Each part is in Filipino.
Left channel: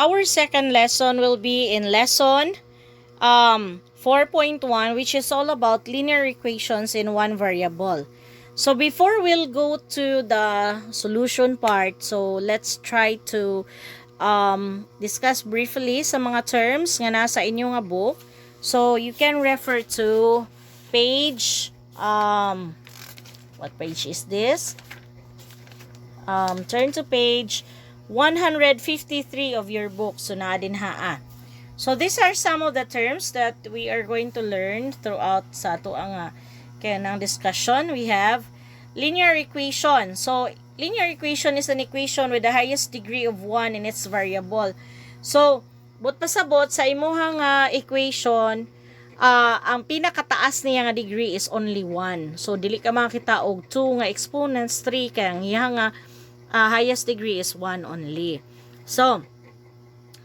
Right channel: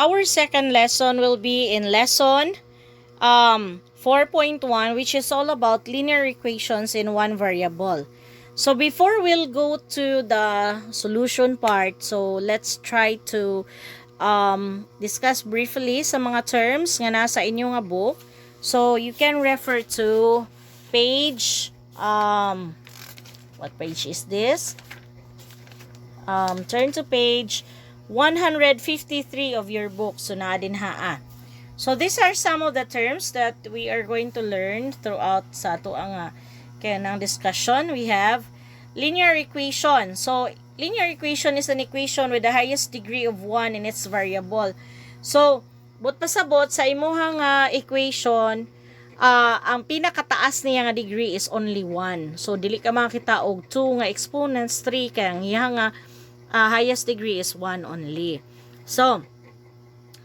Our second lesson will be in lesson 4.1, which is all about linear equations in one variable. So before we'll go to the solution part, so let's try to discuss briefly sa mga terms nga nasa inyo nga book. So you can refer to page, what page is this? Turn to page 153 of your book. So na din haa. So these are some of the terms that we are going to learn throughout sa ato ang kanang discussion. We have linear equation. So linear equation is an equation with the highest degree of 1 in its variable. So but pasabot sa imuhang equation, ang pinakataas niya nga degree is only 1. So dili ka makita og 2 nga exponents, 3 kay ang iyang highest degree is 1 only. So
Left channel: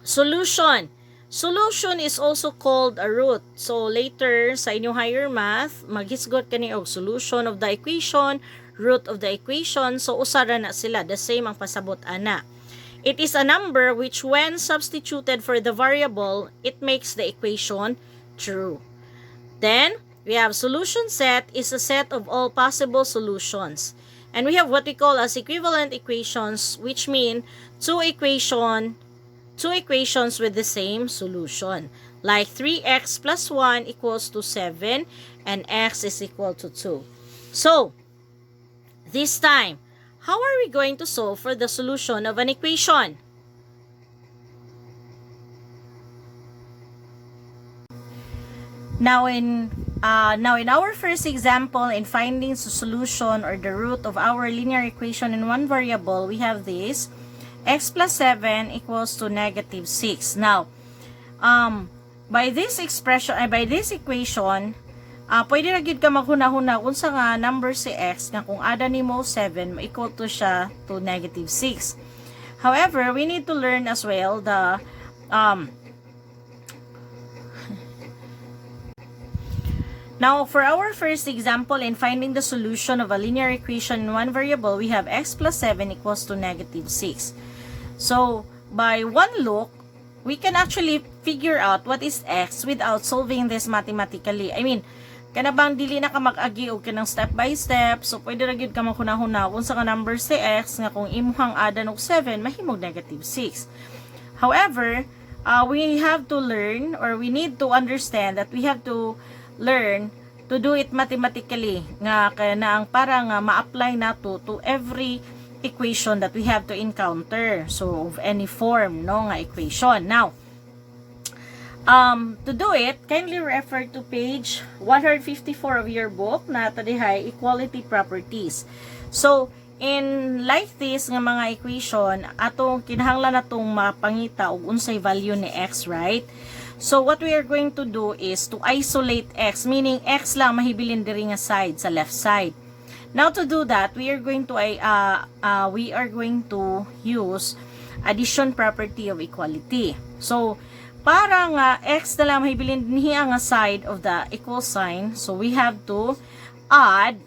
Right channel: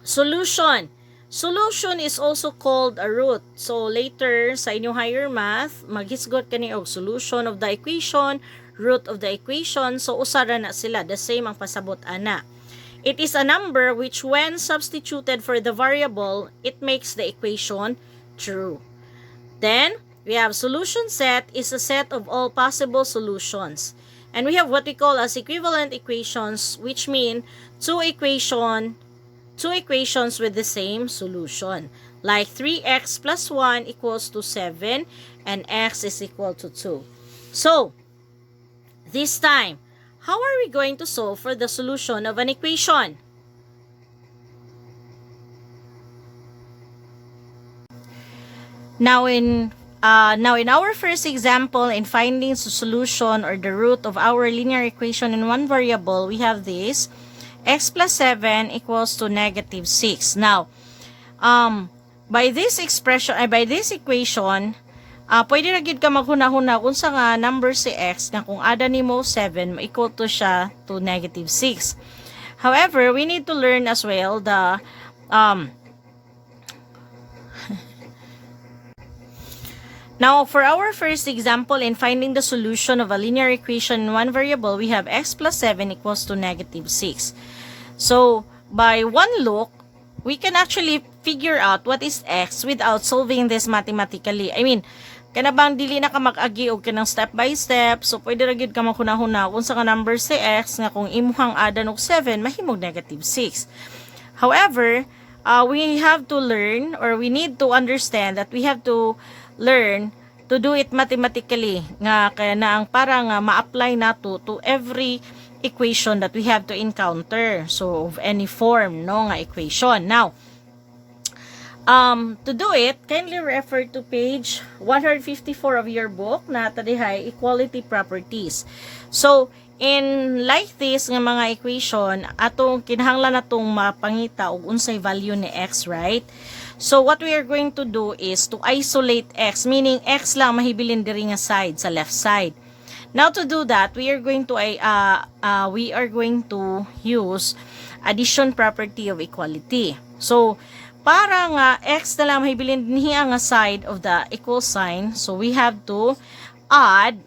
solution. Solution is also called a root. So later sa inyong higher math, maghisgot kani og solution of the equation, root of the equation. So usara na sila, the same ang pasabot ana. It is a number which when substituted for the variable, it makes the equation true. Then we have solution set is a set of all possible solutions. And we have what we call as equivalent equations, which mean two equations with the same solution. Like 3x plus 1 equals to 7 and x is equal to 2. So, this time, how are we going to solve for the solution of an equation? Now in our first example, in finding the solution or the root of our linear equation in one variable, we have this. X plus 7 equals to negative 6. Now, by this equation, pwede na gid ka maghuna-huna kung sa nga number si x na kung ada nimo 7, equal to siya to negative 6. However, we need to learn as well the Now, for our first example in finding the solution of a linear equation in one variable, we have x plus 7 equals to negative 6. So, by one look, we can actually figure out what is x without solving this mathematically. I mean, kanabang dili na ka mag-agi og kanang step by step. So, pwede ra gyud ka maghuna-huna kung sa number si x nga kung imuhang adan og 7, mahimog negative 6. However, we have to learn or we need to understand that we have to learn to do it mathematically nga kaya na ang parang ma-apply nato to every equation that we have to encounter, so of any form no nga equation. Now to do it, kindly refer to page 154 of your book na tadihay equality properties. So in like this nga mga equation, atong kinahanglan natong mapangita og unsay value ni x, right? So what we are going to do is to isolate x, meaning x lang mahibilin diri nga side sa left side. Now to do that, we are going to use addition property of equality. So para nga x na lang mahibilin dinhi nga side of the equal sign, so we have to add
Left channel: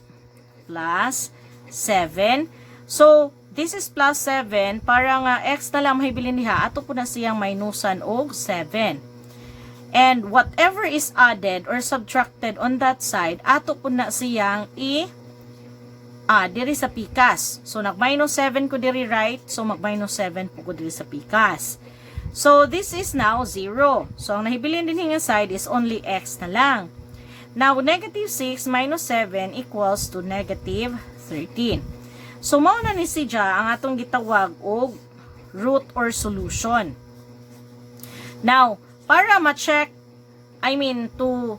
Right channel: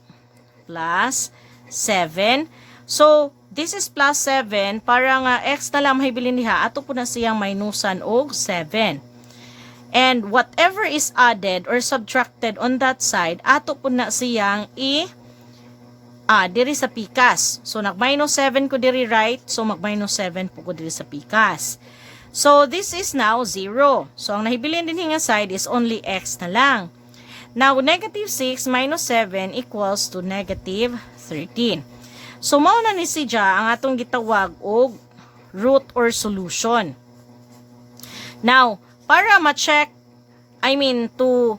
plus 7. So this is plus 7, para nga x na lang mahibilin diha, ato po na siyang minusan og 7. And whatever is added or subtracted on that side, ato po na siyang diri sa pikas. So nag-minus 7 ko diri right, so mag-minus 7 po ko diri sa pikas. So this is now 0. So ang nahibilin din nga side is only x na lang. Now negative 6 minus 7 equals to negative 13. So mao na ni siya ang atong gitawag og root or solution. Now para ma-check, to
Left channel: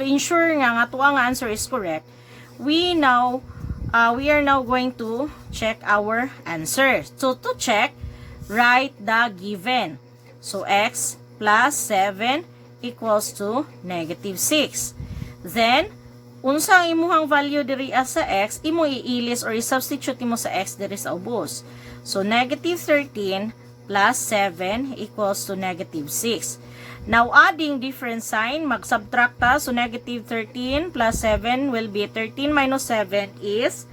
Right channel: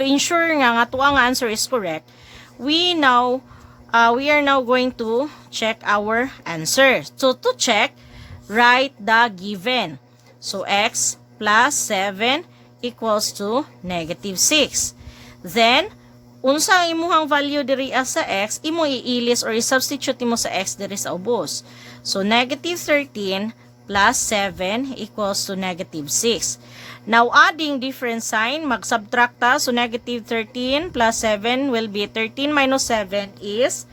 ensure nga ato ang answer is correct, we are now going to check our answer. So to check, write the given. So x plus 7 equals to negative 6. Then unsa ang imuhang value diri sa x, imo iilis or i-substitute mo sa x diri sa ubos. So negative 13 plus 7 equals to negative 6. Now, adding different sign, mag-subtract ta. So, negative 13 plus 7 will be 13 minus 7 is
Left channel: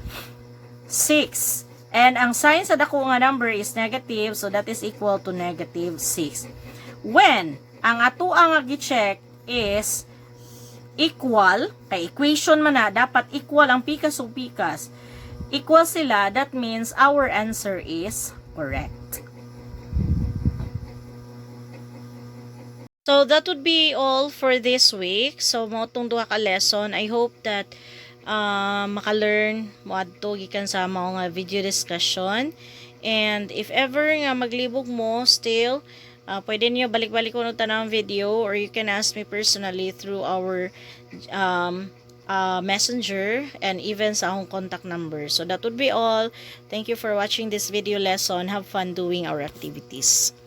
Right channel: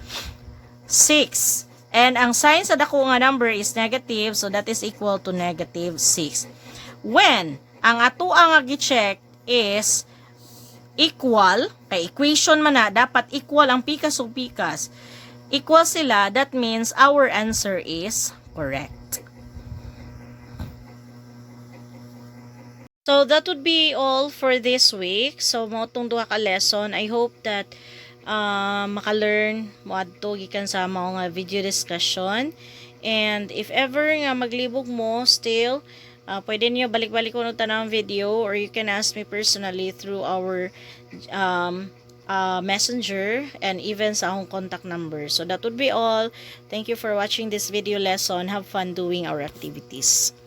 6. And ang sign sa dako nga number is negative, so that is equal to negative 6. When ang ato ang gi-check is equal, kay equation man na, dapat equal ang pikas o pikas. Equal sila, that means our answer is correct. So that would be all for this week. So mo tong duha ka lesson. I hope that maka-learn mo adto gikan sa mga video discussion. And if ever nga maglibog mo still, pwede niyo balik-balik ko ng tanang video, or you can ask me personally through our messenger and even sa akong contact number. So that would be all. Thank you for watching this video lesson. Have fun doing our activities.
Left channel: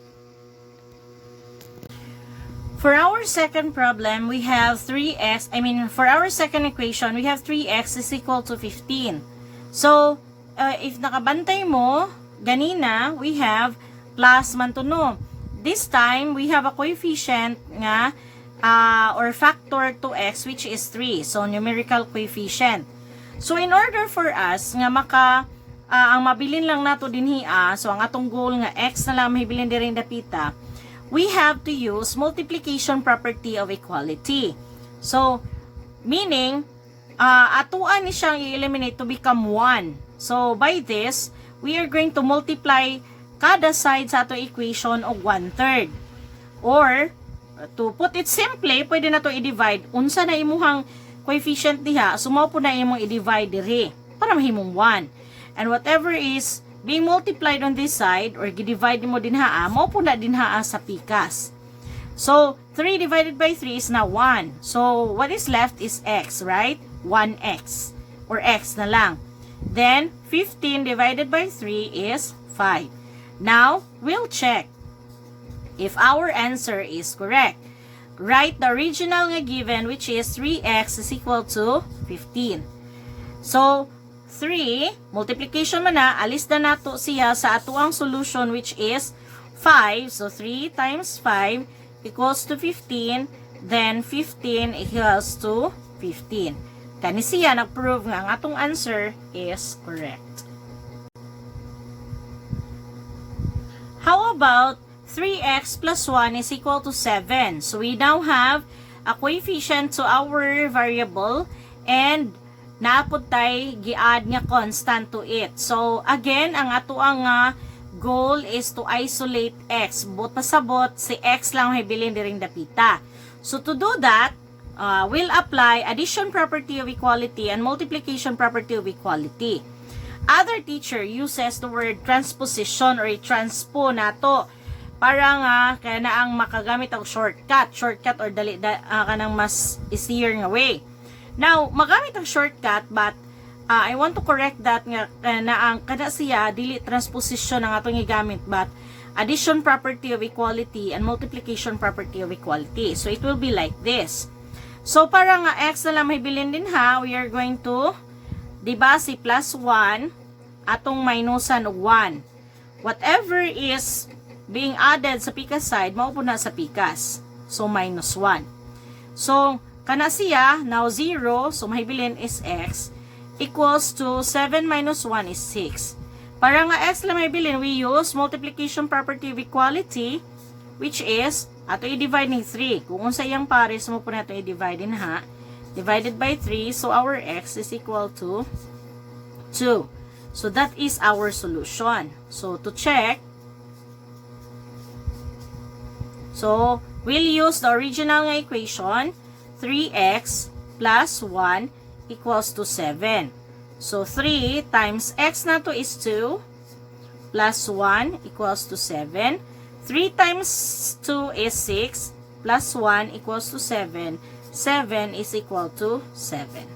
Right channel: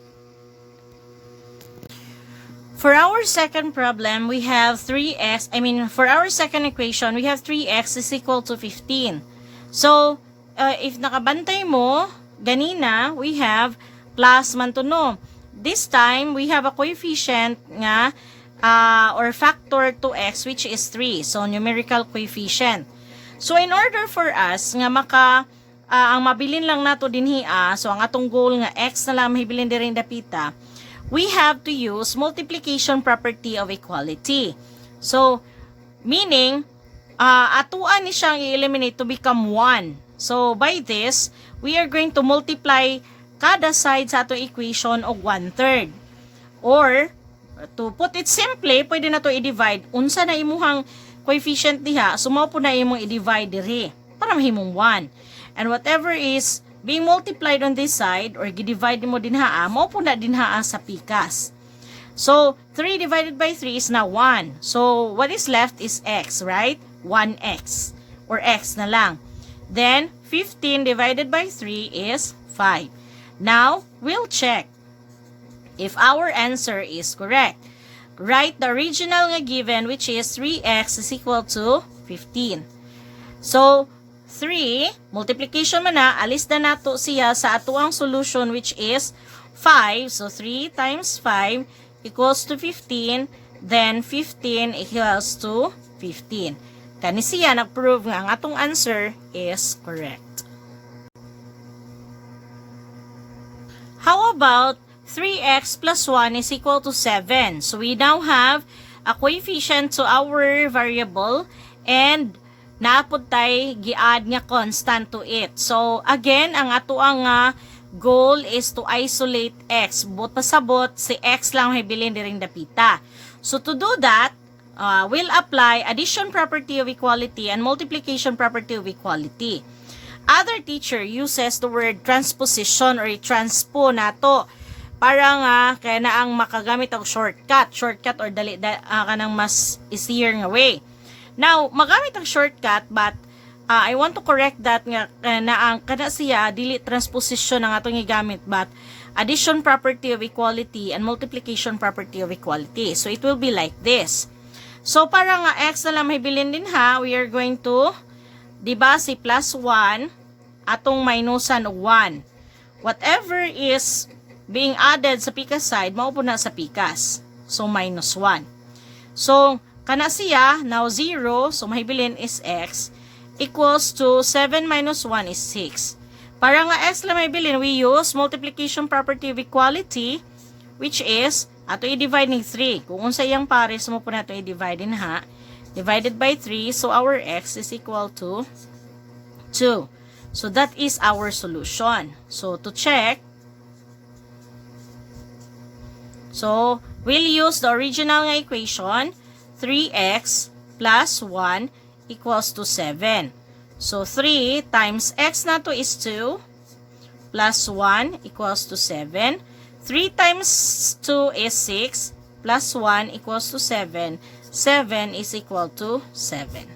For our second problem, we have for our second equation, we have 3x is equal to 15. So, if nakabantay mo, ganina, we have plus man to no. This time, we have a coefficient nga, or factor to x, which is 3. So, numerical coefficient. So, in order for us, nga ang mabilin lang nato dinhi, so ang atong goal nga x na lang mahibilin din dapita, we have to use multiplication property of equality. So, meaning, atuan ni siyang i-eliminate to become 1. So, by this, we are going to multiply kada side sa ato equation og 1/3. Or, to put it simply, pwede na to i-divide. Unsa na imuhang coefficient diha, sumaw po na imong i-divide diri para mahimong 1. And whatever is being multiplied on this side, or gi-divide mo dinhaa, mo po na dinhaa sa pikas. So, 3 divided by 3 is now 1. So, what is left is x, right? 1x. Or x na lang. Then, 15 divided by 3 is 5. Now, we'll check if our answer is correct. Write the original nga given, which is 3x is equal to 15. So, 3, multiplication man na, alis na nato siya sa atuang solution, which is 5. So, 3 times 5 equals to 15. Then, 15 equals to 15. Kani siya nag-prove nga ang atong answer is correct. How about 3x plus 1 is equal to 7? So, we now have a coefficient to our variable, and naapod tay gi-add nga constant to it. So, again, ang ato ang goal is to isolate x. But pasabot, si x lang hibilin diring dapita. So, to do that, we'll apply addition property of equality and multiplication property of equality. Other teacher uses the word transposition or transpo nato para nga kaya na ang makagamit ang shortcut or dali kanang mas easier nga way. Now, magamit ang shortcut, but I want to correct that nga na ang kada siya dili transposition ang atong gigamit, but addition property of equality and multiplication property of equality. So, it will be like this. So, para nga x na lang mahibilin din ha, we are going to, diba si plus 1, atong minusan og 1. Whatever is being added sa pikas side, maupo na sa pikas. So, minus 1. So, kana siya, now 0, so mahibilin is x, equals to 7 minus 1 is 6. Para nga x lang mahibilin, we use multiplication property of equality, which is, ato i-divide ni 3. Kung unsa iyang pares mo po na ito i-divide in ha, divided by 3, so our x is equal to 2. So that is our solution. So to check, so we'll use the original nga equation, 3x plus 1 equals to 7. So, 3 times x na to is 2 plus 1 equals to 7. 3 times 2 is 6 plus 1 equals to 7. 7 is equal to 7.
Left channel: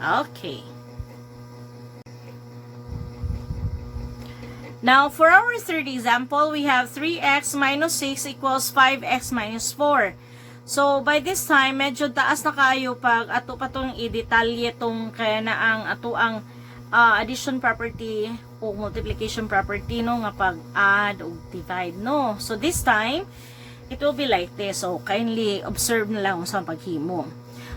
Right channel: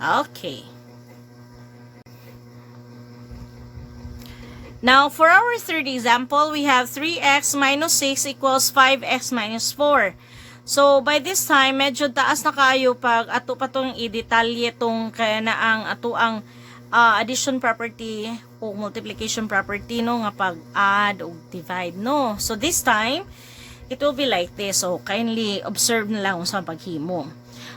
Okay. Now, for our third example, we have 3x minus 6 equals 5x minus 4. So, by this time, medyo taas na kayo pag ato pa itong i-detalye itong kaya na ang ato ang addition property o multiplication property, no, nga pag-add o divide, no. So, this time, it will be like this. So, kindly observe na lang sa paghimo.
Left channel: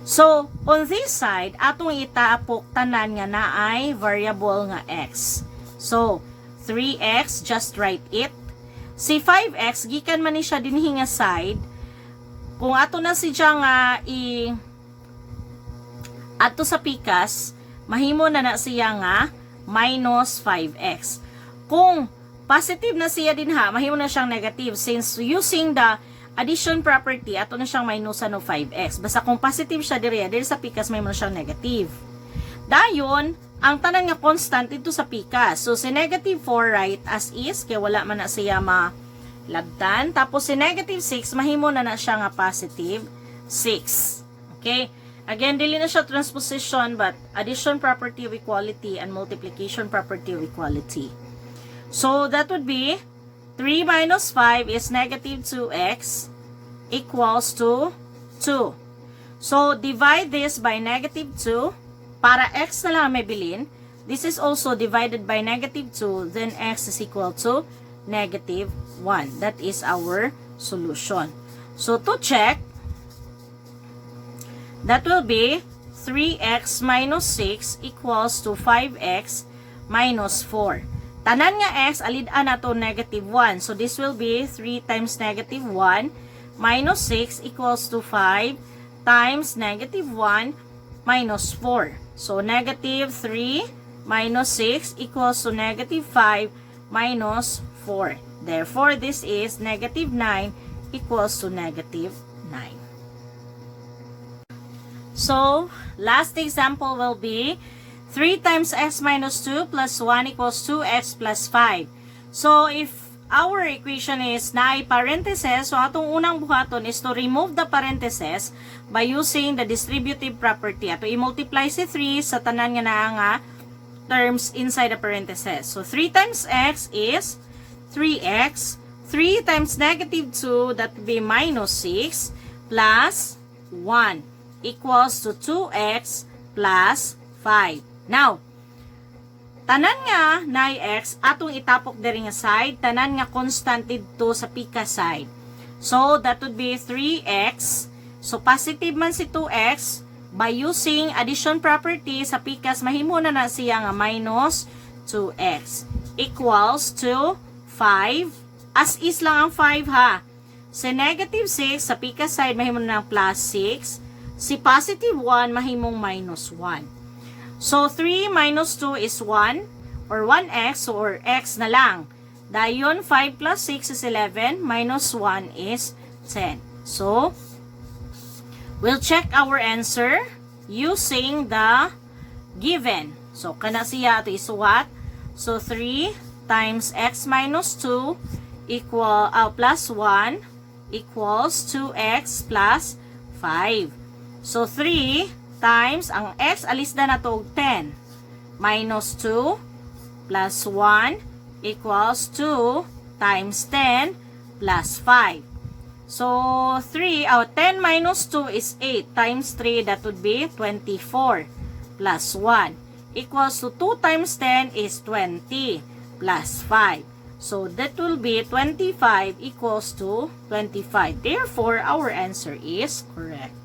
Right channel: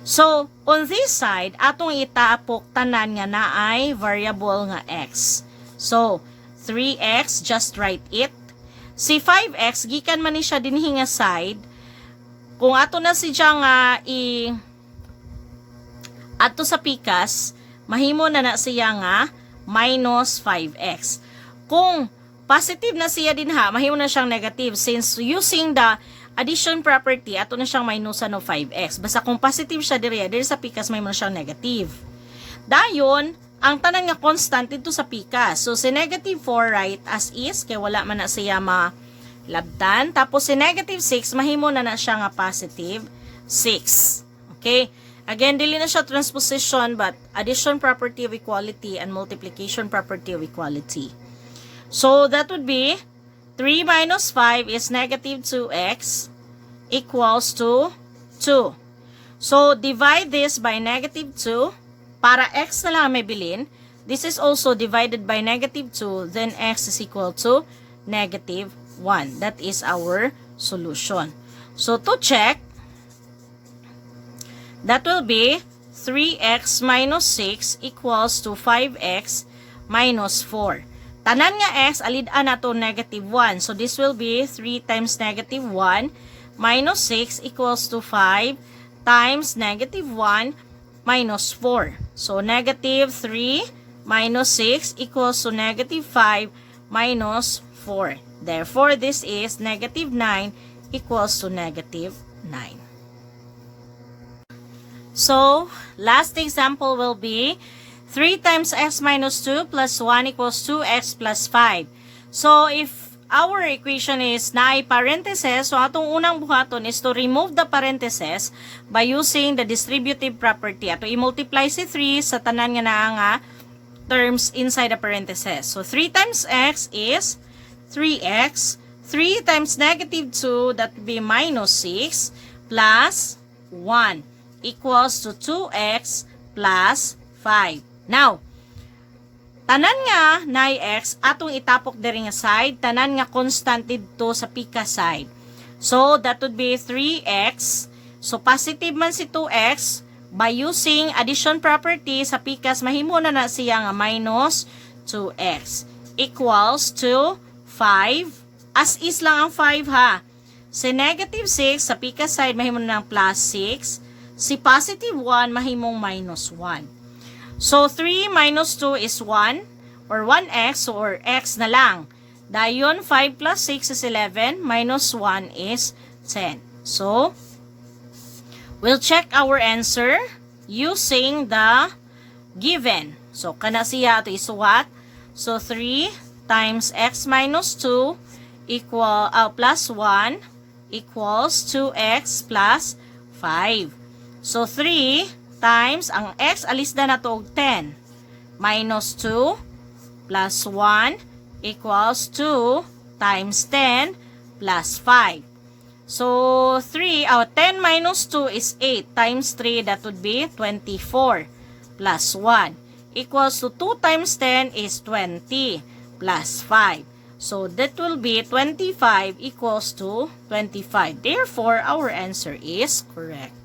So, on this side, atong itapok tanan nga naay variable nga x. So, 3x, just write it. Si 5x, gikan man ni siya dinhi nga side. Kung ato na si siya nga ato sa pikas, mahimo na siya nga minus 5x. Kung positive na siya din ha, mahimo na siyang negative since using the addition property, ato na siyang minusan no 5x. Basta kung positive siya diri sa pikas, mahimo na siyang negative. Dayon, ang tanan nga constant dito sa pikas. So, si negative 4 write as is, kaya wala man na siya malabtan. Tapos, si negative 6, mahimo na siya nga positive 6. Okay? Again, dili na siya transposition, but addition property of equality and multiplication property of equality. So, that would be 3 minus 5 is negative 2x equals to 2. So, divide this by negative 2. Para x na lang may bilin, this is also divided by negative 2, then x is equal to negative 1. That is our solution. So, to check, that will be 3x minus 6 equals to 5x minus 4. Tanan nga x, alid-an na to negative 1. So, this will be 3 times negative 1 minus 6 equals to 5 times negative 1 minus 4. So, negative 3 minus 6 equals to negative 5 minus 4. Therefore, this is negative 9 equals to negative 9. So, last example will be 3 times x minus 2 plus 1 equals 2x plus 5. So, if our equation is naay parentheses, so atong unang buhaton is to remove the parentheses by using the distributive property. Ato i-multiply si 3 sa tanan nga nga terms inside the parentheses. So, 3 times x is 3x. 3 times negative 2, that would be minus 6 plus 1 equals to 2x plus 5. Now, tanan nga na x, atong itapok diri nga side, tanan nga constant dito sa pika side. So, that would be 3x. So, positive man si 2x, by using addition property sa pikas, mahimo na siya nga minus 2x equals to 5. As is lang ang 5 ha. Si negative 6, sa pikas side, mahimo na plus 6. Si positive 1, mahimong minus 1. So, 3 minus 2 is 1 or 1x or x na lang. Dayon, 5 plus 6 is 11 minus 1 is 10. So, we'll check our answer using the given. So, kana siya ito isuwat. So, 3 times x minus 2 plus 1 equals 2x plus 5. So, 3 times, ang x, alis na to 10. Minus 2 plus 1 equals 2 times 10 plus 5. So, 10 minus 2 is 8 times 3, that would be 24 plus 1 equals to 2 times 10 is 20 plus 5. So, that will be 25 equals to 25. Therefore, our answer is correct.